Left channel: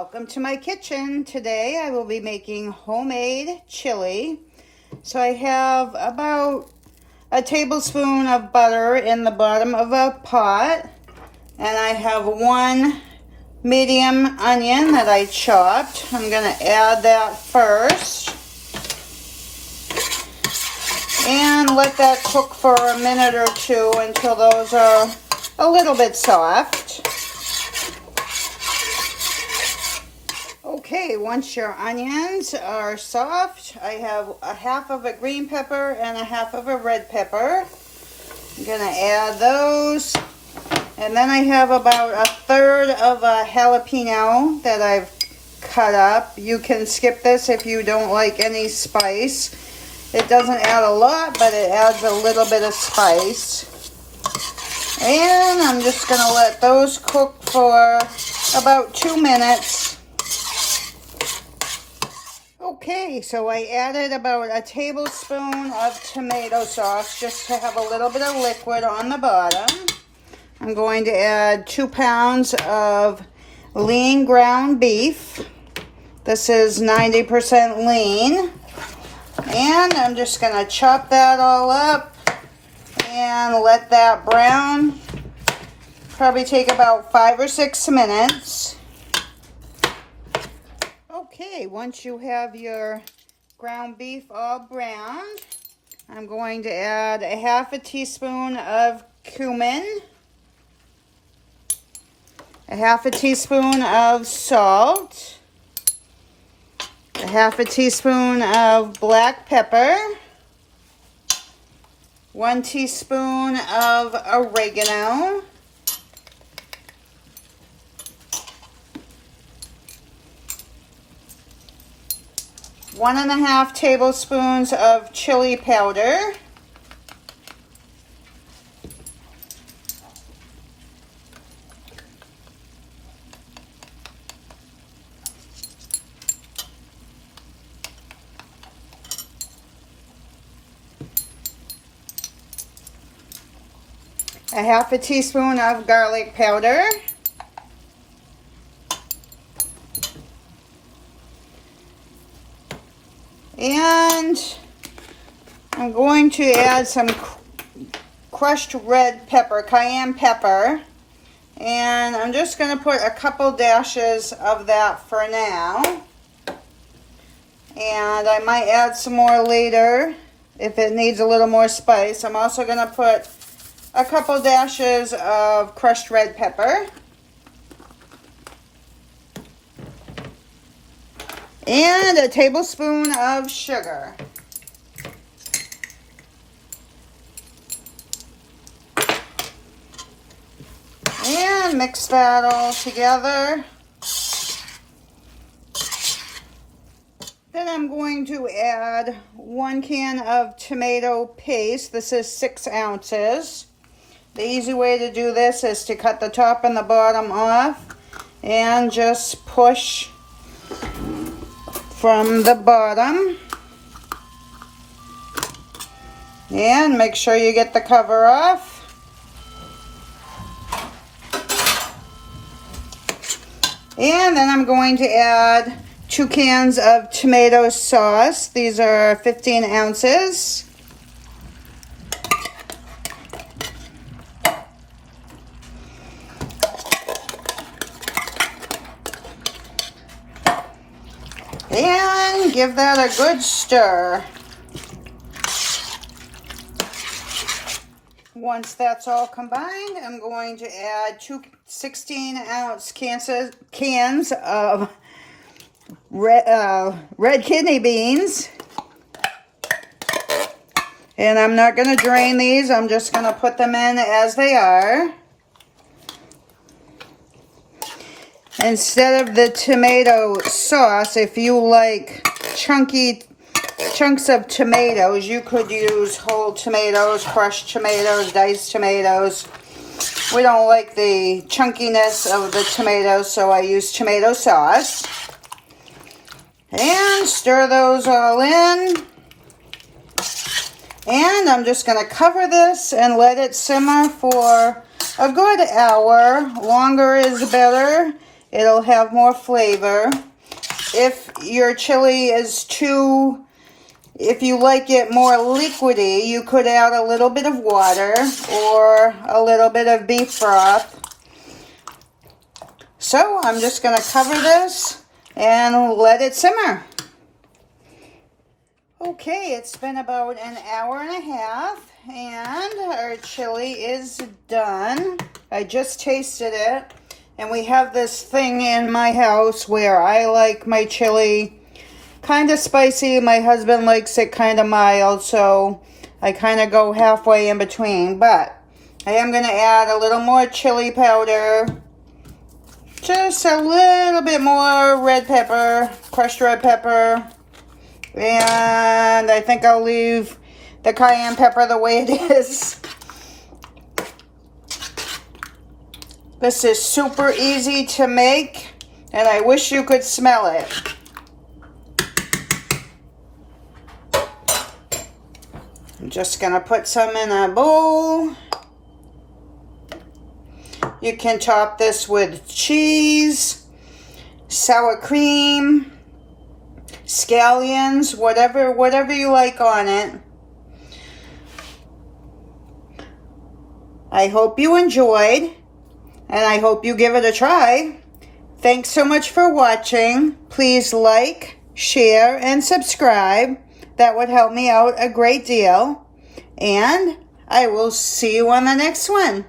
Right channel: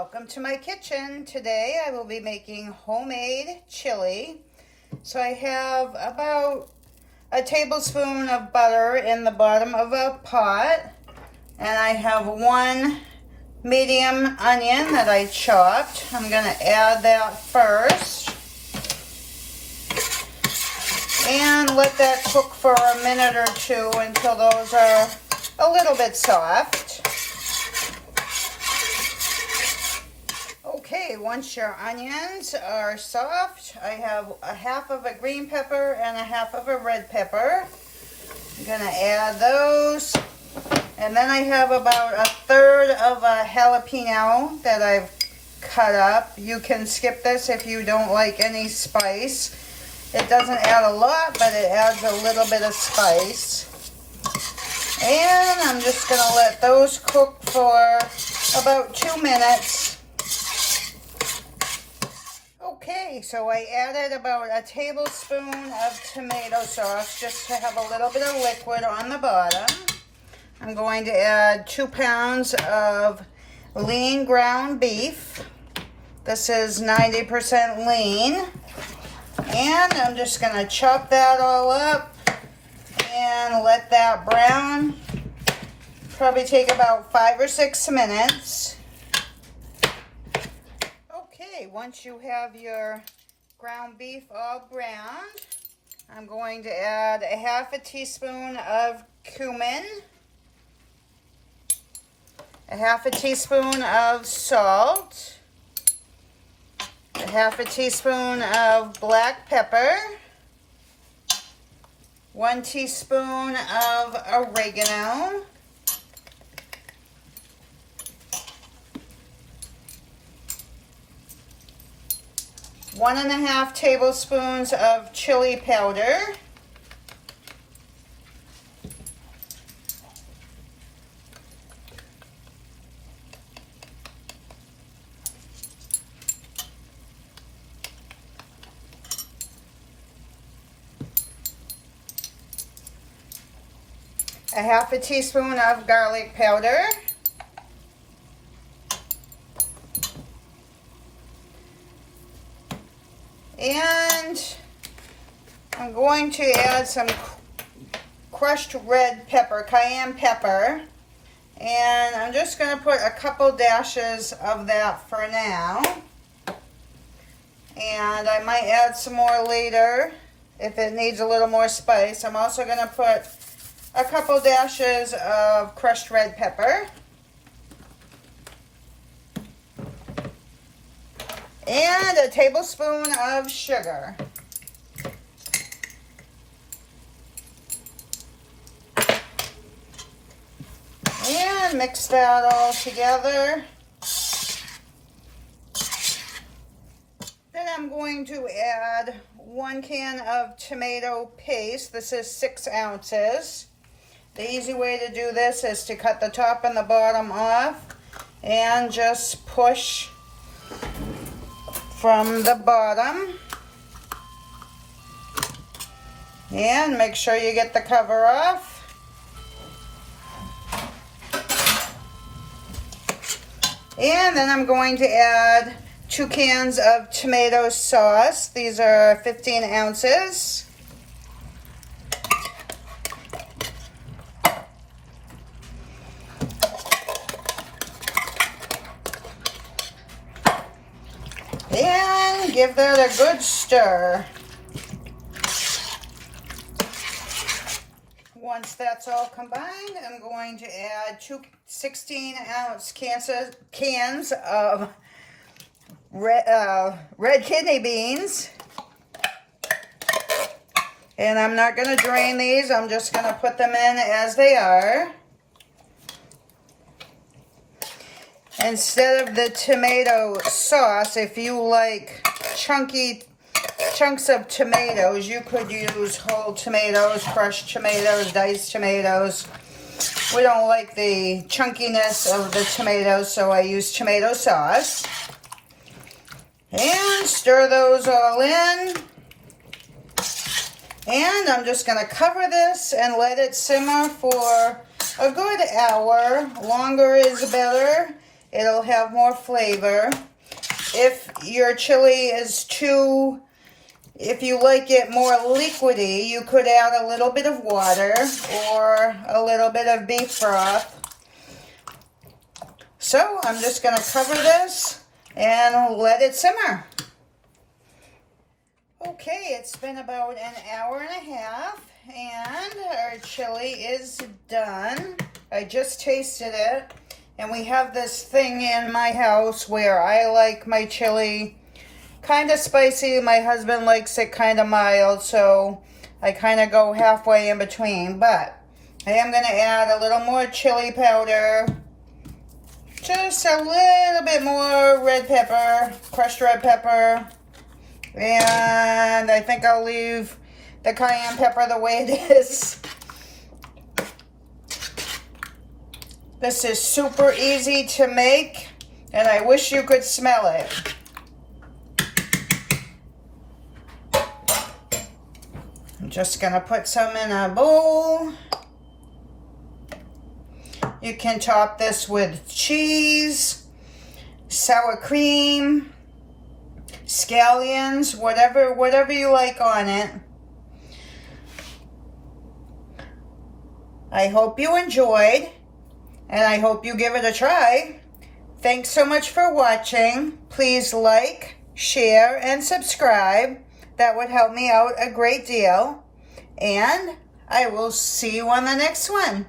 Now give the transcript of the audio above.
Welcome to my kitchen. Today I will be making homemade chili. So I have about a tablespoon of butter in the bottom of a pot, and I have one medium onion that I chopped. I'm going to add that first and let that cook for a minute or two until those are a little bit soft. Okay, once your onions are soft, I have a half of a green pepper and a half of a red pepper. I'm going to add those. And then I have about a third of a jalapeno that I've cut up. You can skip this if you don't like any spice. It doesn't add a lot, but it adds a little bit of spice. And I'm just going to let those cook for about 2 minutes. Okay, so I added about a tablespoon of tomato sauce just to have a little bit of liquid on the bottom. I'm going to add 2 pounds of lean ground beef. This is 90% lean. And I'm just going to chop that all up and let that brown. Probably take about 5 or 6 minutes. Okay, once you have your ground beef all browned, I'm going to add a half a teaspoon of cumin, a half a teaspoon of salt, a half a teaspoon of black pepper, 1 teaspoon of oregano, 1½ tablespoons of chili powder, a half a teaspoon of garlic powder, and I'm going to add some crushed red pepper, cayenne pepper, and I'm just going to put a couple dashes of that for now, and I might add some more later if it needs a little more spice. I'm also going to put a couple dashes of crushed red pepper. And a tablespoon of sugar. And mix that all together. Then I'm going to add 1 can of tomato paste. This is 6 ounces. The easy way to do this is to cut the top and the bottom off and just push from the bottom, and make sure you get the cover off. And then I'm going to add 2 cans of tomato sauce. These are 15 ounces. And give that a good stir. Once that's all combined, I'm going to add 2 16-ounce cans of red kidney beans. And I'm not going to drain these. I'm just going to put them in as they are. Instead of the tomato sauce, if you like chunky chunks of tomatoes, you could use whole tomatoes, crushed tomatoes, diced tomatoes. We don't like the chunkiness of the tomatoes, so I use tomato sauce. And stir those all in. And I'm just going to cover this and let it simmer for a good hour. Longer is better. It'll have more flavor. If your chili is too, if you like it more liquidy, you could add a little bit of water or a little bit of beef broth. So I'm just going to cover this and let it simmer. Okay, it's been about an hour and a half and our chili is done. I just tasted it. And we have this thing in my house where I like my chili kind of spicy. My husband likes it kind of mild, so I kind of go halfway in between. But I am going to add a little more chili powder. Just a little bit more red pepper, crushed red pepper. And I think I'll leave the cayenne pepper the way it is. This is super easy to make, and I wish you could smell it. I'm just going to put some in a bowl. You can top this with cheese, sour cream, scallions, whatever you like on it. I hope you enjoyed. And I hope you give it a try. Thanks so much for watching. Please like, share, and subscribe. That would help me out a great deal. And I will see you on the next one.